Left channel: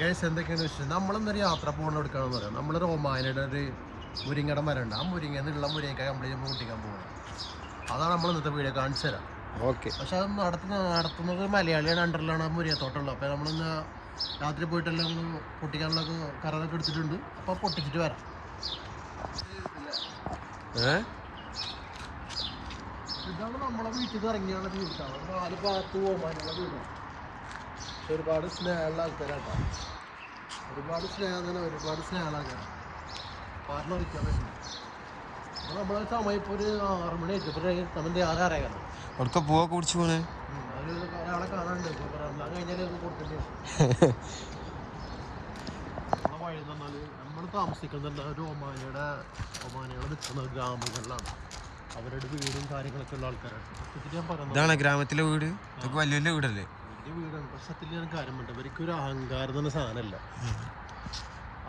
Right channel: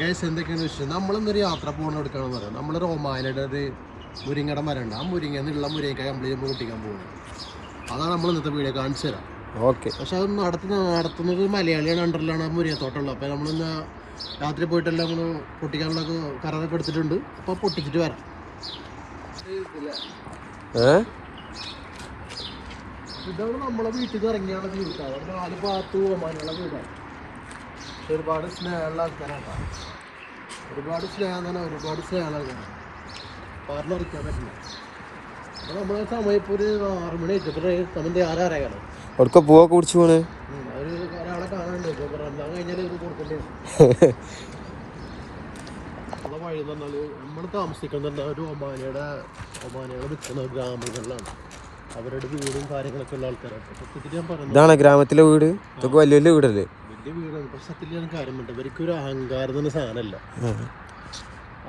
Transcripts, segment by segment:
Guys എന്തൊക്കെയാണ് വിഷയം? നമ്മളൊന്നൊരു യാത്ര പോകണം എടുക്കാണെന്ന് പറയാം. നമ്മളൊരു ഒമാനയുടെ ഒരു മുരിങ്ങയുടെ മരമുണ്ട്. ആ മുരിങ്ങന്നുള്ള മുരിങ്ങക്കായ കംപ്ലീറ്റ് പൊട്ടിക്കാൻ പോകുന്നത്. അതാണ് നമ്മൾ ഇന്നത്തെ വീഡിയോ കാണിച്ചു തരാം. ഓക്കെ. പക്ഷെ അത് നടത്തുന്നത് മലയാളിയാണ്, അണ്ടറിലാണ് ആ മുരിങ്ങത്തോട്ടമുള്ളത്. അപ്പോൾ നമ്മളിന്ന് രാത്രി പോയിട്ടെല്ലാം നമ്മൾ പൊട്ടിക്കാനുള്ള കറൊക്കെ എടുത്തിട്ടുണ്ട്. അപ്പോൾ പൊട്ടിച്ചിട്ട് വരാം. ഇതാണ് നമ്മളെ വീട്ടിൽ നിന്ന് ഇറങ്ങിയുള്ള വീട്ടാണ്. 4 ഭാഗത്ത് ഒമാനുള്ള വീടാണ്. ഒരുപാട് സ്നേഹമുള്ള ആൾക്കാരാണ്. ഒരുപാട് സ്നേഹമുള്ള ആൾക്കാരാണ്. പറഞ്ഞറിയിക്കാൻ പറ്റില്ല. അപ്പോൾ നമ്മളെ സമയം ഇപ്പോൾ ഒരു 6 മണി ഇപ്പോൾ സമയം 6 അറിയാലോ. അവിടെ പൂവൊക്കെ കുടിച്ചു പോണേ ഒരാളെ കാണാണ്ട് ഇപ്പോൾ രണ്ടാം കഴിഞ്ഞാൽ കൊടുക്കണ്ടേ. നമ്മളെ വഴി എന്ന് പറഞ്ഞാൽ നമ്മൾ താമസിക്കുന്നത് ഒരു ഒമാനയുടെ നിൽക്കുന്ന ഗ്രാമങ്ങളിലാണ്. അവരുടെ വീടും കാര്യങ്ങളൊക്കെ ഉള്ള ആൾക്കാരാണ്. സത്യത്തിൽ ഞാൻ പറയുന്നത് ഇതാണ് ഗ്രാമത്തിലെ വീട്. ഇതൊക്കെ വലിയ വലിയ വീടല്ലേ? വലിയ വീടാണ്. പക്ഷെ സത്യത്തിൽ ഞാൻ കാര്യം വേണ്ട, ഇവർക്കൊരു അഹങ്കാരം തന്നെ സാധനമല്ല.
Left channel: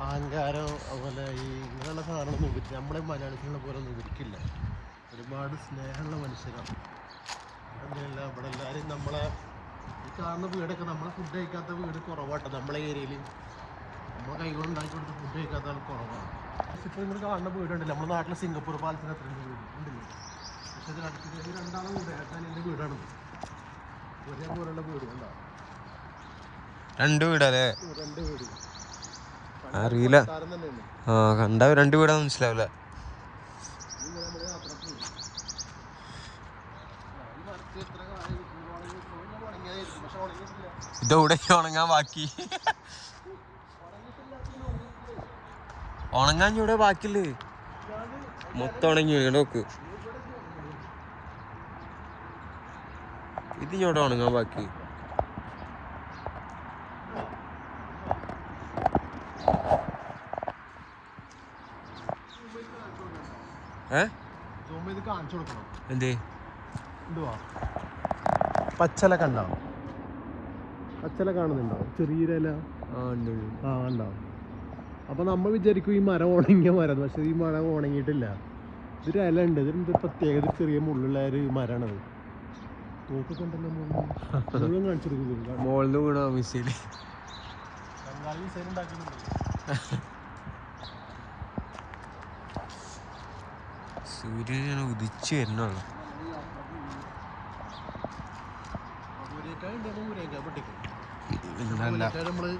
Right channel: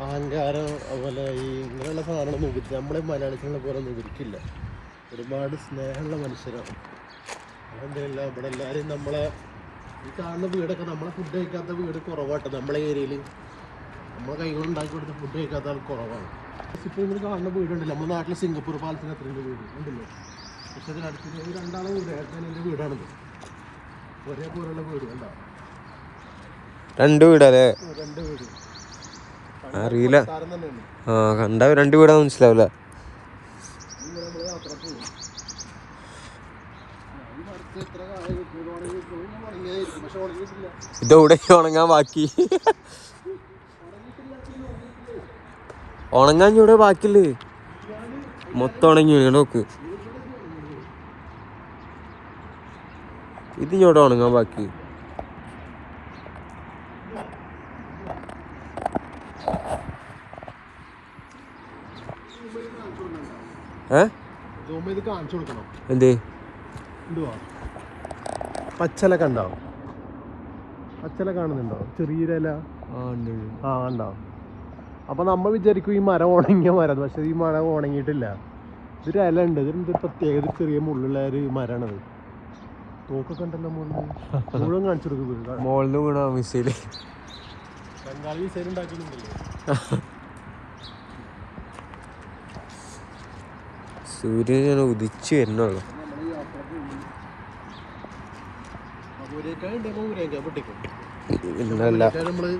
അഹങ്കാരം അതുപോലെ ഈ ഇങ്ങനെയുള്ള സാധനങ്ങളൊന്നും ഉപയോഗിച്ച് നമ്മളെ മലയാളികളെ പോലെ ഒന്നും ഇവർക്കില്ല. ഒരുപാട് സ്നേഹമുള്ള മനുഷ്യരാണ്. അതെന്തെല്ലാം ഇവിടെ എല്ലാവരും നമ്മളെ ഈ കാണുന്ന വീടൊക്കെ നമ്മളെ ഫുഡ് കഴിക്കാത്ത വീട് കുറവാട്ടെ. നമ്മളെ ഏരിയയിൽ നമ്മളെ കൈകൊണ്ട് ഉണ്ടാക്കി കൊടുത്ത ഫുഡ് കഴിക്കാത്ത ആൾ കുറവാണ്. ഇപ്പോൾ നിങ്ങൾ കാണുന്ന വീടുണ്ടല്ലോ, നമ്മുടെ നാട്ടിലെ സിംഗപ്പൂർ പാലത്തിന് അത്രയും വീട് ഉണ്ടല്ലോ. പക്ഷെ അതിനടുത്ത് രണ്ടാളെ വീട് ഏട്ടാൻ എൻ്റെ വീടാണത്. ഒരേ പോലുള്ള വീട് കണ്ടാ 2 വീടല്ലേ? 2 വീട് അറിയില്ല. ആ കണ്ടാ 2 വീടാന്ന് മനസ്സിലാവില്ല. ഇതെവിടെ ഉണങ്ങാൻ ബാക്കി? ഉണങ്ങാൻ ഇവിടെ ബാക്കില്ലേ? മൊത്തം ഉണങ്ങി നോക്ക്. ഇത് ഇവിടെ ഉണങ്ങാൻ ബാക്കി. എന്തേ പച്ചല കണ്ടാവും? പച്ചല കാണുന്നുണ്ടോ? ചെറിയ ഇല ഉണ്ടാവും. അപ്പൊ നമ്മൾ വിചാരിക്കും ഈ മരം ഉണങ്ങിയ മരം, പക്ഷെ ഈ മരം ഉണങ്ങിയിട്ടില്ല. ഇതൊരു ഇല ഉണ്ട്. ഇതിന്റെ പ്രത്യേകത ചെറിയ മുള്ളുള്ള ഒരു മരമാണത്. തോക്കൊക്കെ ഉണ്ടല്ലോ മുഴുവൻ കാണിച്ചു കൊടുക്കുന്നത്. മോളിൽ വീണോ മിസൈല്? ബംഗാളി മിസൈൽ ഉണ്ടാക്കുന്നുണ്ടല്ലോ. സൂര്യൻ ഉദിച്ചു വരുന്നുള്ളു. നമ്മള്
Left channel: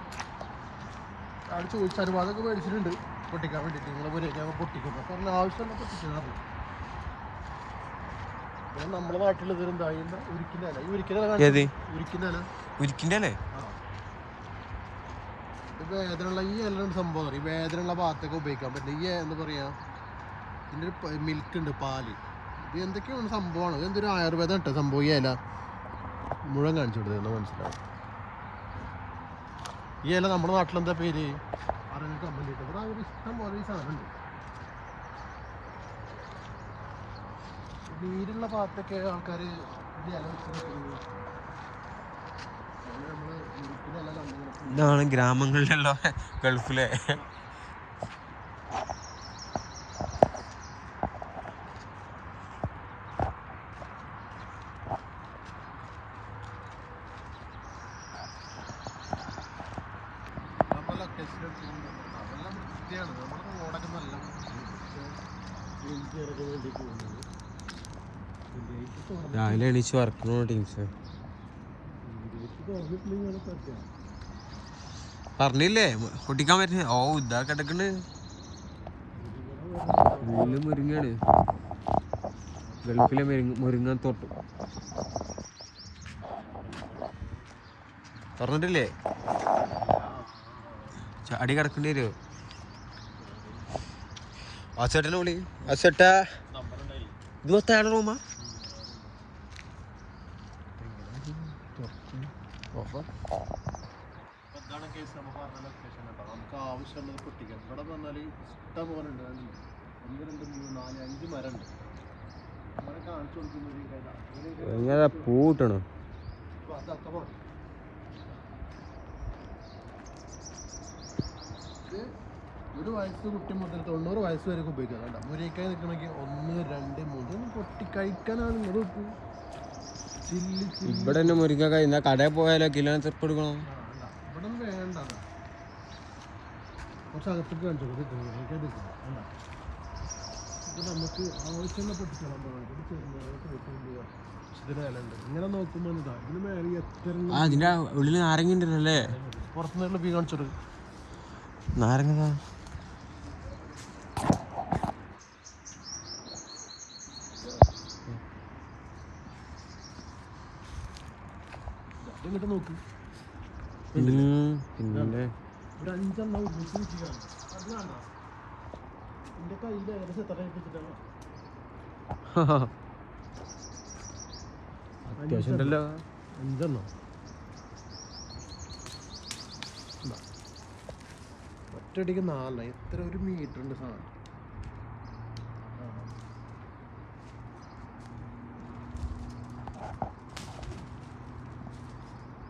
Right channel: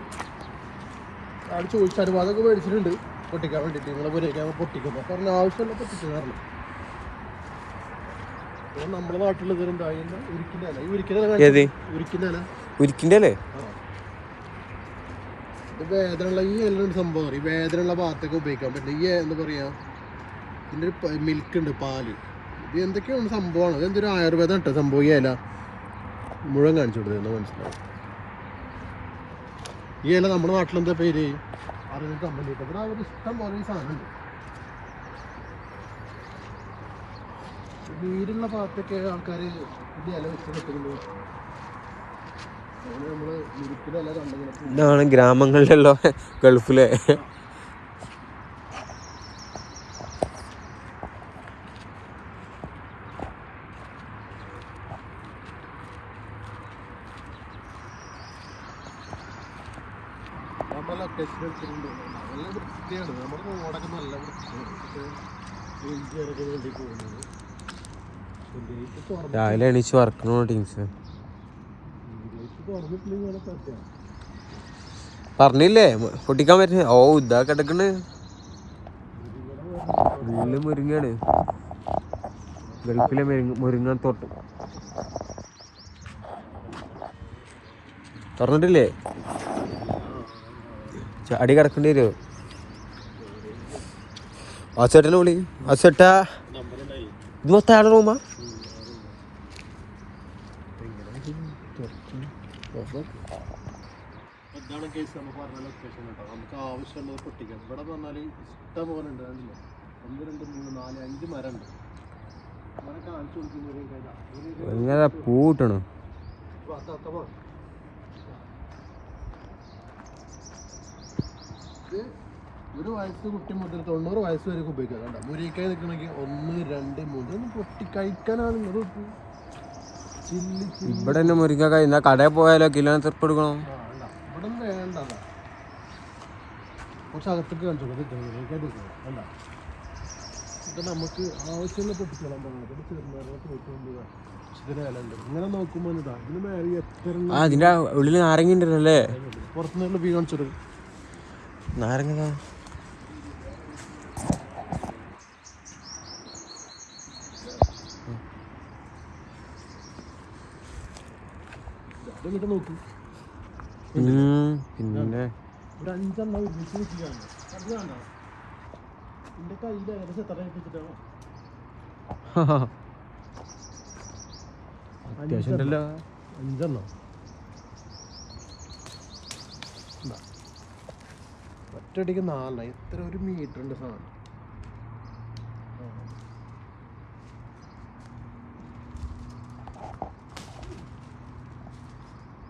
ചോദിച്ച അനുവാദമൊക്കെ മേടിച്ചിട്ടുണ്ട് പൊട്ടിക്കാൻ വേണ്ടിട്ട്. നിങ്ങളെ പുരയ്ക്കാൻ പൊട്ടിക്കുന്നു പറഞ്ഞ ആവശ്യമുള്ള പൊട്ടിച്ചു കാരണം നമ്മുടെ നാട്ടിലുള്ള ഉരിക്കിന്റെ വേദനയുള്ള ഈ എല്ലാം സംഭവം ഈ വേദനയുള്ള ഭാഗത്തൊക്കെ ഉപയോഗിക്കാൻ പറ്റില്ല. ഈ എന്താ പറയാ, ഇതിൻ്റെ മിൽക്ക് ഉണ്ട്, പാല്, ഇത് എന്തൊക്കെയാണ് സംഭവമാണ്. ഇതെന്തൊരു ആയുർവേദം കേട്ടോ സംഭവം. ഈ ഇല മുഴുവൻ കാണിച്ചു കൊടുത്തത് മനസ്സിലാവും. ഈ ഇല നമ്മുടെ നാട്ടിലെന്താ പേര് അറിയുന്ന കമ്പനി ഇട്ട് ഇവിടെ ഒരു ഇഷ്ടം പോലെ ഈ സാധനം ഉണ്ട്. നീരുള്ള ഭാഗത്തൊക്കെ ആൾക്കാർ ഇത് ഇല വെച്ച് വെക്കുന്നുണ്ട്. അങ്ങനെ നമ്മള് മുരിക്കിലെ ഇല കണ്ടെങ്കിൽ ഇതാണ് ഗ്രാമങ്ങളിലല്ലോ ഗൾഫിലെ. നമ്മളെ ലൊക്കേഷൻ എടുത്തിട്ടുണ്ട്. നല്ല വൃത്തിയാണ്. നമ്മുടെ റോഡൊക്കെ നല്ല വൃത്തിയാണ്. രാവിലെ എണീച്ച് വർക്കണോ ടീംസ് പറഞ്ഞില്ലേ പൊട്ടിക്കാൻ പറ്റുന്ന? ഓ ഇതാ കിടക്കണ് വീട്ടില് മുരിങ്ങാണ്. ഗൾഫിലെ മുരിങ്ങ തോട്ട് തുറന്നിട്ടില്ലേ? അടി കിടക്കേണ്ടി വരുമോ? ആസേട്ടനെ വിളി. ആസേട്ടാ ഇത് മൊത്തം ആളുടെ റൂമാ? ഇതാണ് കേസ്. നമ്മൾ പറഞ്ഞ ലൊക്കേഷൻ കേട്ടോ. നമുക്ക് ആവശ്യമുള്ളത് പൊട്ടിക്കാം. ഇവിടെ പറഞ്ഞാൽ ഇഷ്ടം പോലെ ഉണ്ട്. 1 2 3 4 5 മരം ഉണ്ട്. മരം കാണിച്ചു കൊടുക്കുന്നത് പൂ കിട്ടണോ? ഒരു വയസ്സ് കുട്ടി മുതൽ 90 വയസ്സ് വരെ ഉപയോഗിക്കാം. കണ്ട മുരിക്കായി നിൽക്കണമെങ്കിൽ 1 2 3 ഒന്ന് പൊട്ടി കഴിക്കാനാണ് ഇങ്ങനെ. ഇവിടെ തന്നെ മുരിക്കായി കടയിൽ പോയാലോ കിലോ തെപ്പ് എടുക്കണം. ഇവിടെ ഒന്നും വേണ്ട. കുറച്ച് അകത്തേക്ക് കാണിച്ചു വേണ്ട ഇതൊക്കെ നമുക്ക് ആവശ്യമുള്ള പൊട്ടിച്ചോളാൻ പറയുന്നത് ചെറുനാരങ്ങ തോട്ടുകൊണ്ട് ഇതിന് വില ഉണ്ട്. ഇങ്ങനെ നോക്കുമ്പോൾ ഇതാ ഇതിന് മേലെ എത്ര അതിന്റെ ഉള്ളിൽ നാരങ്ങ ഉണ്ടല്ലേ? പുറത്തുനിന്നുള്ള ബീ കാണിച്ചത് നാരങ്ങ എന്നിട്ട് നോക്ക് പിന്നെ ഒരു 5 എണ്ണം ഒരുമിച്ച് നിൽക്കുകയാണ്. അത് വേണ്ട എന്റെ കയ്യിൽ ഏകദേശം എത്ര ഏൽപ്പിച്ചിട്ടാണ് അത്യാവശ്യമുണ്ടല്ലോ. 5 എണ്ണം ഒറ്റയടിക്ക് 4 എത്ര ഒരു മീറ്റർ ഉണ്ട് സാധനം.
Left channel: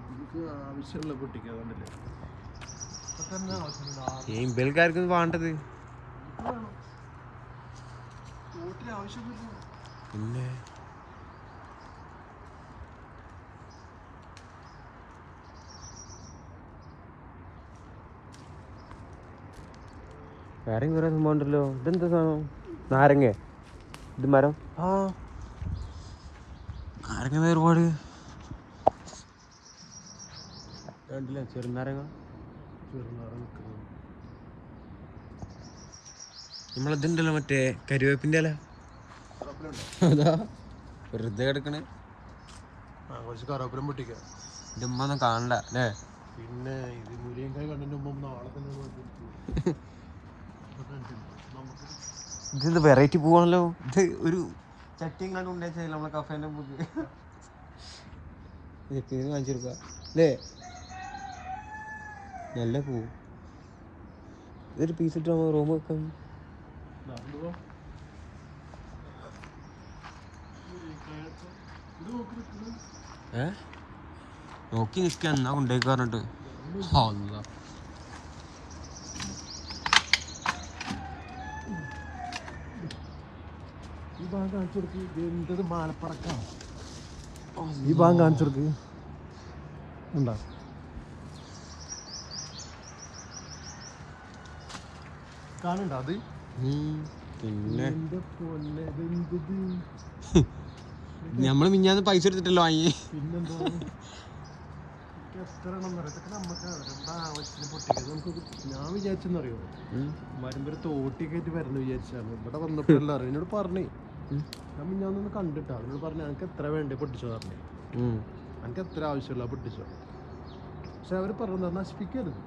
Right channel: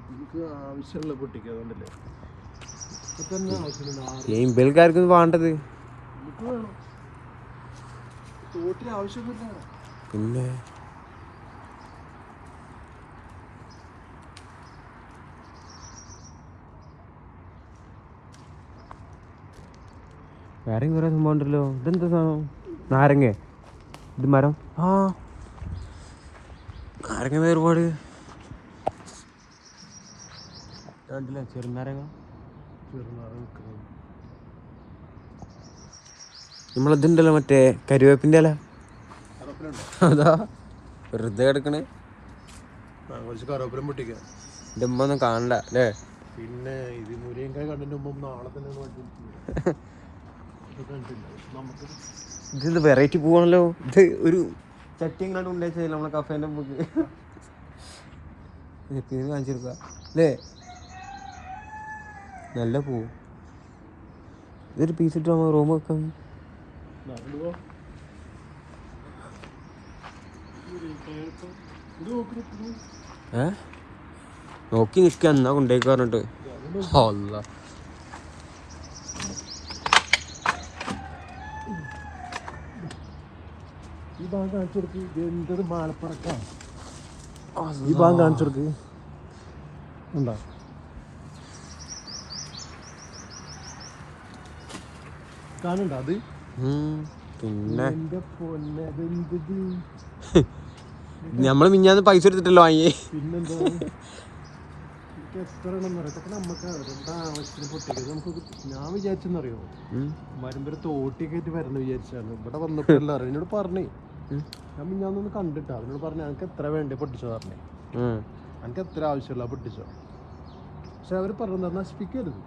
നമുക്ക് ആവശ്യമുള്ള കുട്ടിക്ക് അതുകൊണ്ടല്ലേ ഇപ്പൊ തന്നെ ആവശ്യമുണ്ട്. ഇമ്പൽക്കാർക്ക് വേണ്ടത് നമുക്ക് വേണം തോട്ടിന് ആവശ്യമൊന്നുമില്ല. പിന്നെ വേറെ കുറെ സംഭവം ഉണ്ടല്ലോ. ഇതെന്താ സാധനം? നാരങ്ങ. ഇത് മരം. ആ നാരങ്ങ ഒരുപാട് കണ്ടില്ലേ? ചെറുനാരങ്ങ. നമ്മളിതുണ്ടല്ലോ മറ്റേ കരുവേപ്പിൻ്റെ ഇല. അതാ വെറുതെ കിടക്കണേ. കുറച്ച് കറിവേപ്പിലും പൊട്ടിക്കാം. എൻ്റെ ഉമ്മ ഒന്നും കാണണ്ട അല്ലേ? പിന്നെ ഇത് മുരിങ്ങക്കായ കണ്ടിട്ട് മുമ്പ് നാളെ തന്നെ നമുക്ക് ഇതെന്ത് വെറൈറ്റി പൂവാണല്ലോ. ഇത് ഒരു ചട്ടി എങ്ങാണ്ട് ഉണ്ടാക്കിയത് നമ്മളെ കഫേൻ്റെ മുമ്പ് കാണിച്ചെടുക്കുക അല്ലേ? നല്ല പൂവ്. ഇതൊരു പീസ് ഇട്ട് നമ്മൾ റൂം വെക്കാം. നോക്കി നിൽക്കുക എന്നാ കൊണ്ടേക്ക് പറഞ്ഞിട്ട്. അല്ല ഈ ഭാഗം കാണിച്ചു കൊടുക്ക്. ഇത് എന്തൊരു മാലപ്പറക്കാ. ഈ ഭാഗം കാണിച്ചു കൊടുക്ക്. ഉണ്ടാ കാണുണ്ടോ അത്? പിന്നെ എന്റെ പൊന്നെ ഇതെന്തത്? നമ്മള് മിഞ്ഞാന്ന് പൈസ എടുത്തിട്ടല്ലോ വാങ്ങിയേ. പിന്നെന്താ എനിക്ക് എത്ര എണ്ണം പറയാം. ഇതൊക്കെ നമുക്ക് അവരുടെ ആവശ്യത്തിന് പൊട്ടിക്കത്. നമുക്ക് ഞാൻ വിചാരിച്ചെന്നറിയോ വരുമ്പോ തോട്ടിയൊക്കെ ആയിട്ട് വരണം വിചാരിച്ചാണ്. ഇവിടെ വന്നപ്പോഴല്ല അറിയാം. എന്നോട് പറഞ്ഞേ ഞാൻ മിഞ്ഞാന്നൊന്ന് കണ്ടിട്ടാ. അതിനോട് പറഞ്ഞു എനിക്ക് എത്ര വേണ്ടേ പൊട്ടിച്ചോ പറഞ്ഞേ. എനിക്ക് എത്ര ആവശ്യമില്ല പൊട്ടിച്ചോ. പക്ഷെ അവര് പറഞ്ഞത് നശിപ്പിക്കരുത്.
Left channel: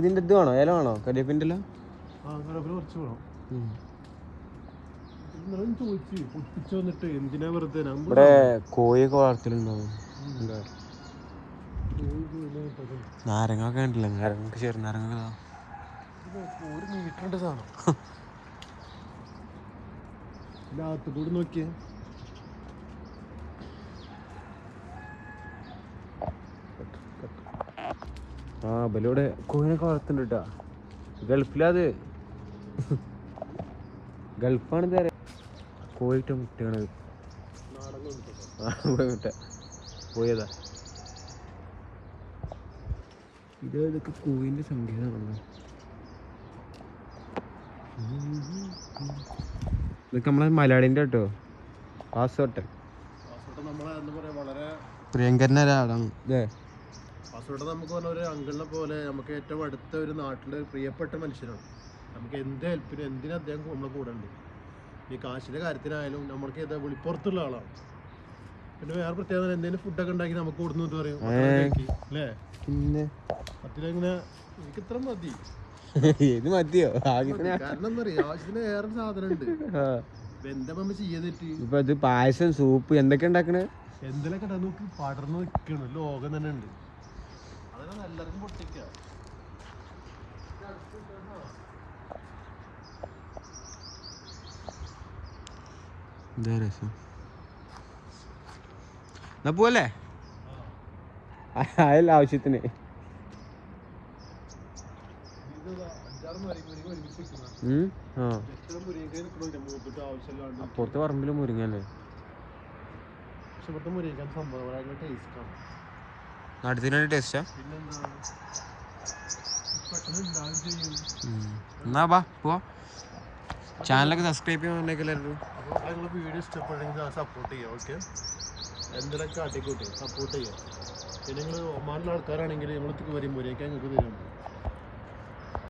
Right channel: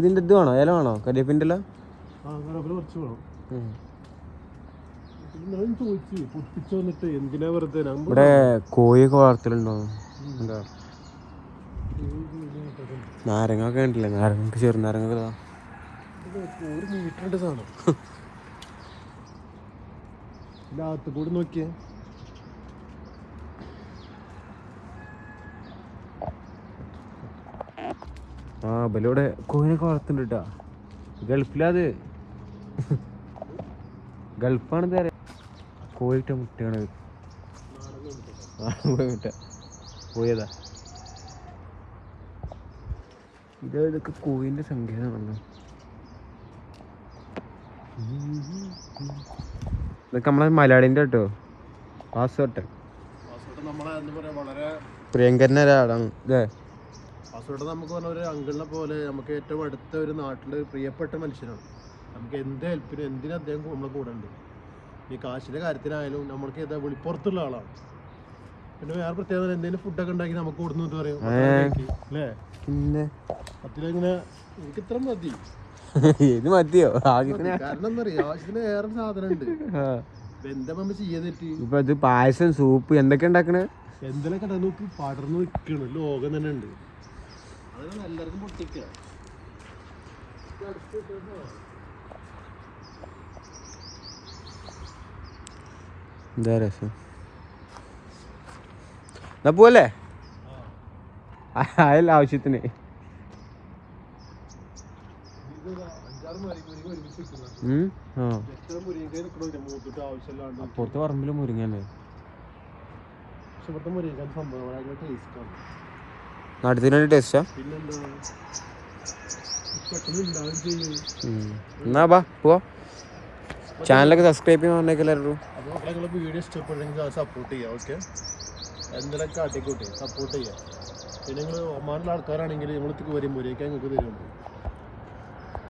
ഇതിന്റെ ഇത് വേണോ? ഇല വേണോ? കരിവേപ്പിൻ്റെ ഇല? കറിവേപ്പില കുറച്ച് വേണം. ഞാൻ ചോദിച്ചു പൊട്ടിച്ചു വന്നിട്ട് എന്തിനാ വെറുതെ കോഴിയൊക്കെ വളർത്തലുണ്ടോ? നാരങ്ങ ഒക്കെ ഉണ്ടല്ലേ? നാരങ്ങ ചെറുനാരങ്ങ ഒരു മീറ്ററിന്റെ സാധനം. അകത്ത് കൂടി നോക്കിയേ. ആ ബലോടെ കോഴിയൊക്കെ വളർത്തുന്നുണ്ട് കേട്ടോ. ഗൾഫിലത് ഗൾഫാണ്. കോഴിട്ട മുട്ടയാണ്. മുട്ട കോഴിയതാ. ഇതൊക്കെ കോഴിൻ്റെ സങ്കേതമാണ്. ഇതൊക്കെ നമ്മളെ മലയാളിൻ്റെ കേട്ടോ. പാസ്വേർട്ട് നമ്മളെ എന്താ പറയാ വളരെ പ്രിയങ്കരൻ്റെ ഒരാളാണ് ഇതേ. പാസ്വേർട്ട് നമുക്ക് പറഞ്ഞ ഒരു അങ്കിളിനെ പോലെ നമുക്ക് ഏറ്റവും അടുത്ത ഒരു നാട്ടിലെ പ്രിയപ്പെട്ട മനുഷ്യനാണ്. നമുക്ക് എന്ത് ഹെൽപ്പിനും എന്തിനും അദ്ദേഹം നമ്മളെ കൂടെ ഉണ്ട്. ഈ കാശിൻ്റെ കാര്യത്തിനായാലും നമ്മൾക്ക് ഏതാ വെളിപ്പുറത്തുള്ള ആളാണ്. പിന്നെ വേറെ പ്രത്യേകത എന്തെങ്കിലും ഫുഡൊക്കെ ഉണ്ടാക്കി നമുക്ക് കൊടുന്നു പറയും അല്ലേ? പിന്നെ പത്തിലിങ്ങനെ എനിക്ക് ഇത്ര മതി. ഇത് മതിയോ? കാരണം എന്താ പറയാ ആവശ്യത്തിന് വേറെ സാധനം ഉണ്ട്. എന്താ നമ്മൾ ചെയ്യാന്നിട്ട് ഇപ്പൊ ഇത് പായസം സൂപ്പ് എന്തൊക്കെ ഉണ്ടാക്കണേ? എന്തെല്ലാം നോക്കി പടർന്നു നിൽക്കണു. ലോകം തന്നെ ഉണ്ട്. അതൊക്കെ എല്ലാവർക്കും പൊട്ടിക്കുക. എന്താ രസം. എന്നാ പോവല്ലേ? അയല്ല ആവശ്യത്തിന്. പുറത്ത് പറമ്പില് മുരിങ്ങല്ലേ? നാട്ടിൽ ടേസ്റ്റാ. പിന്നെന്താ പെട്ടെന്ന് ഉണ്ടാവുകയും ചെയ്യും. എന്നാ ബാ പോവാ. ചാനലൊക്കെ സബ്സ്ക്രൈബ് ചെയ്യാൻ പറഞ്ഞേക്ക് എല്ലാവരും. അപ്പോൾ നിങ്ങൾ വീഡിയോ ഇഷ്ടപ്പെട്ടെങ്കിൽ സപ്പോർട്ട് ചെയ്യുക. ഓക്കെ, എന്തെങ്കിലുമൊക്കെ കാട്ടിക്കൂട്ടി സപ്പോർട്ട് ചെയ്യുക. പിന്നെ നിങ്ങൾ ഒമാനിലെ ആൾക്കാരാണെങ്കിൽ നമ്മൾ വരുമ്പോഴേക്കും നിങ്ങൾക്ക് തരുമ്പോൾ